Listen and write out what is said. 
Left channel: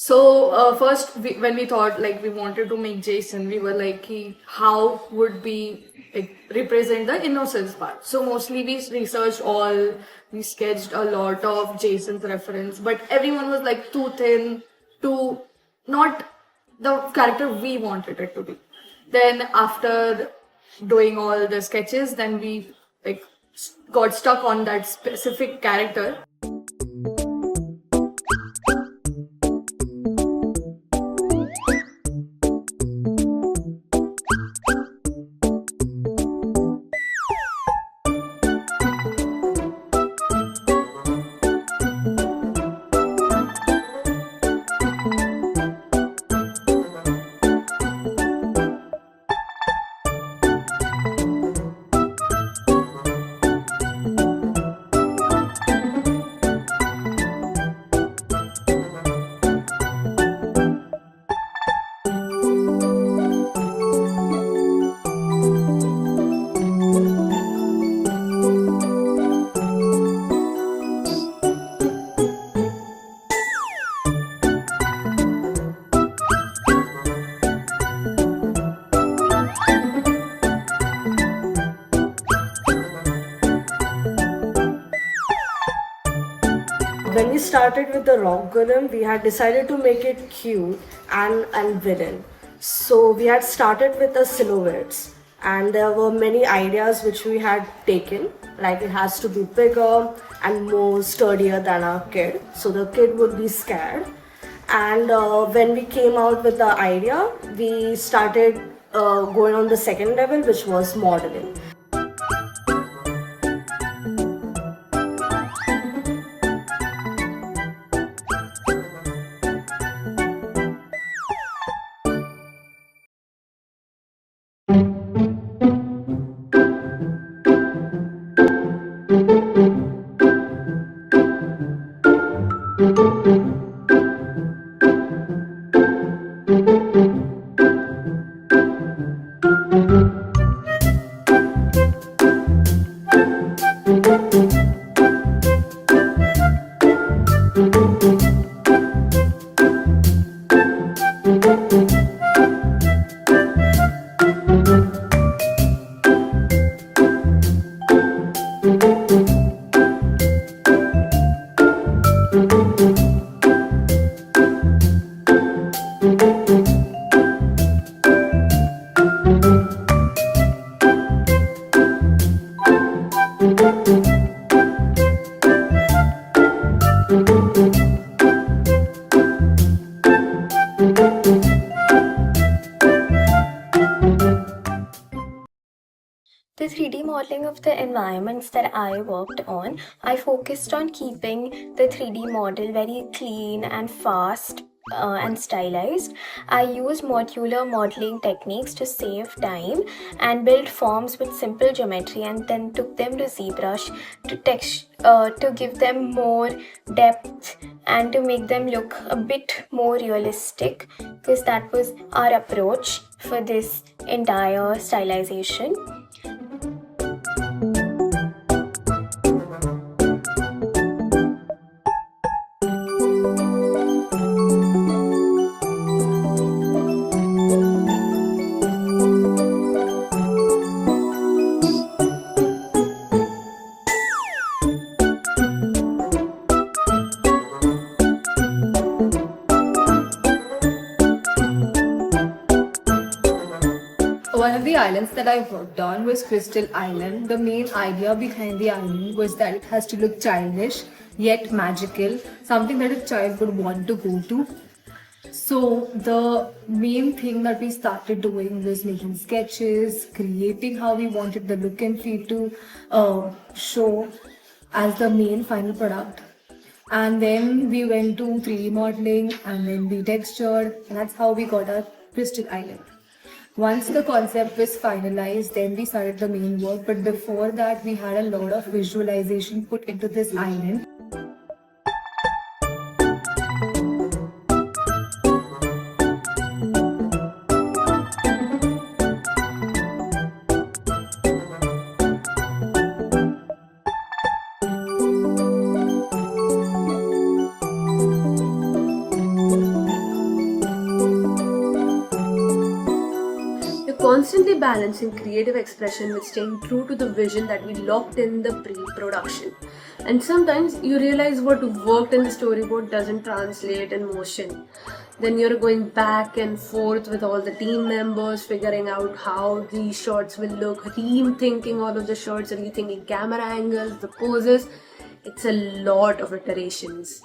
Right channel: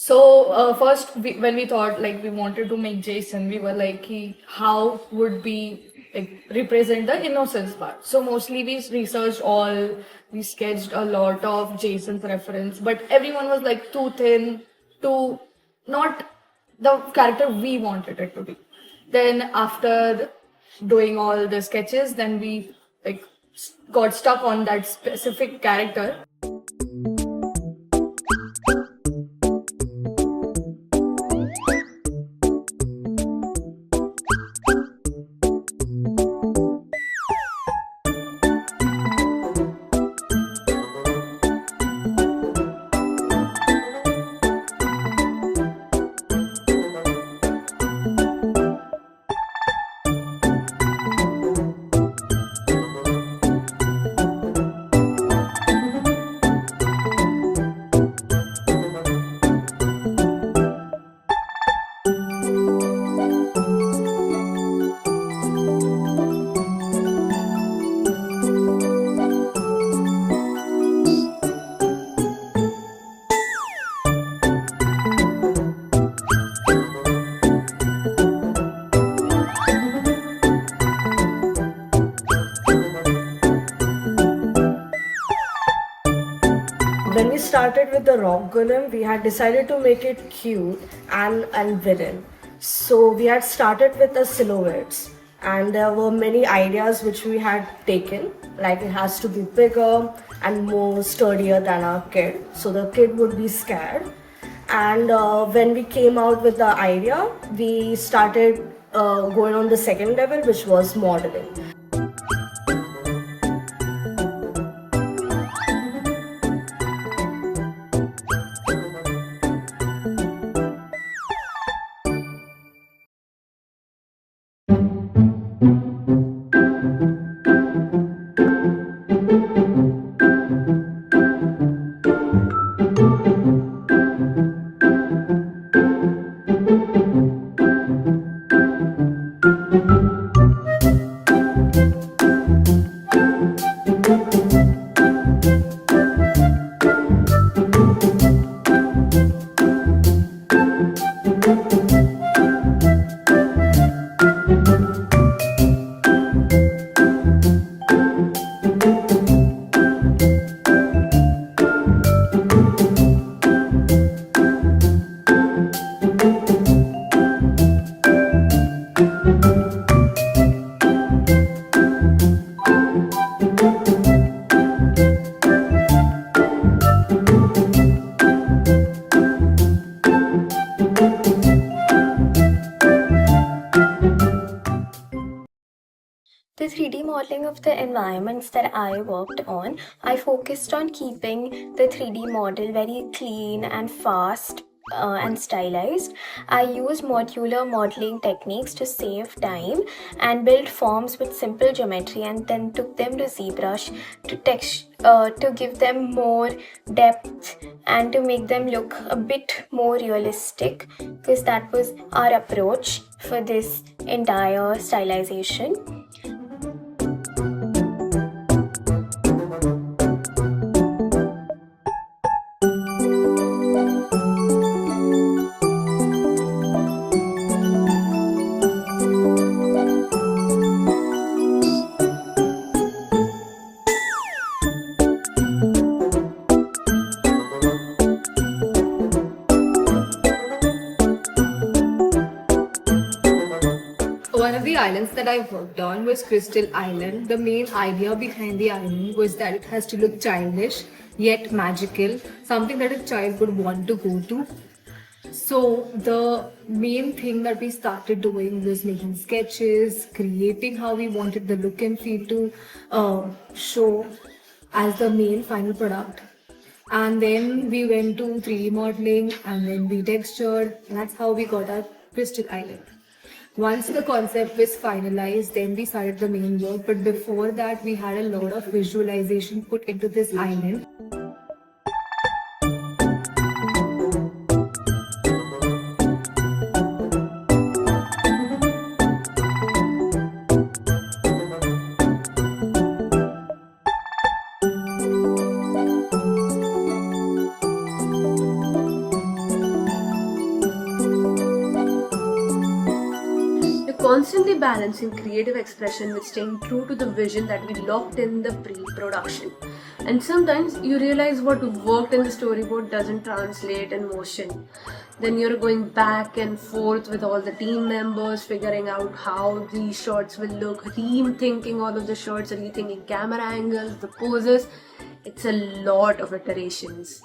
So first, when we thought like we wanted to make Jason, we were like, how would we like, represent the innocence part? So mostly we researched all, we sketched a lot of Jason's reference, but everyone was like too thin, too not the character we wanted it to be. Then after doing all the sketches, then we like got stuck on that specific character. When we started with the rock golem, we had decided to make it cute and villain. So we had started with the silhouettes, and there were many ideas which we had taken. Like it has to be bigger and more sturdier than our kid, so the kid would be scared. And when we came out with the idea, we started going on the second level, which was modeling. The 3D modeling of the environments that I worked on, I focused on keeping the 3D model very clean and fast and stylized. I used modular modeling techniques to save time and built forms with simple geometry, and then took them to ZBrush to give them more depth and to make them look a bit more realistic, because that was our approach for this entire stylization. One of the islands that I worked on was Crystal Island. The main idea behind the island was that it has to look childish. yet magical, something that a child would want to go to. So the main thing that we started doing was making sketches, creating how we wanted the look and feel to show as the main final product. And then we went to 3D modeling and then we textured, and that's how we got our Crystal Island. Once the concept was finalized, then we started the main work. But before that, we had a lot of visualization put into this island. You're constantly balancing creative expression with staying true to the vision that we locked in the pre-production. And sometimes you realize what worked in the storyboard doesn't translate in motion. Then you're going back and forth with all the team members, figuring out how these shots will look, rethinking all of the shots, rethinking camera angles, the poses. It's a lot of iterations.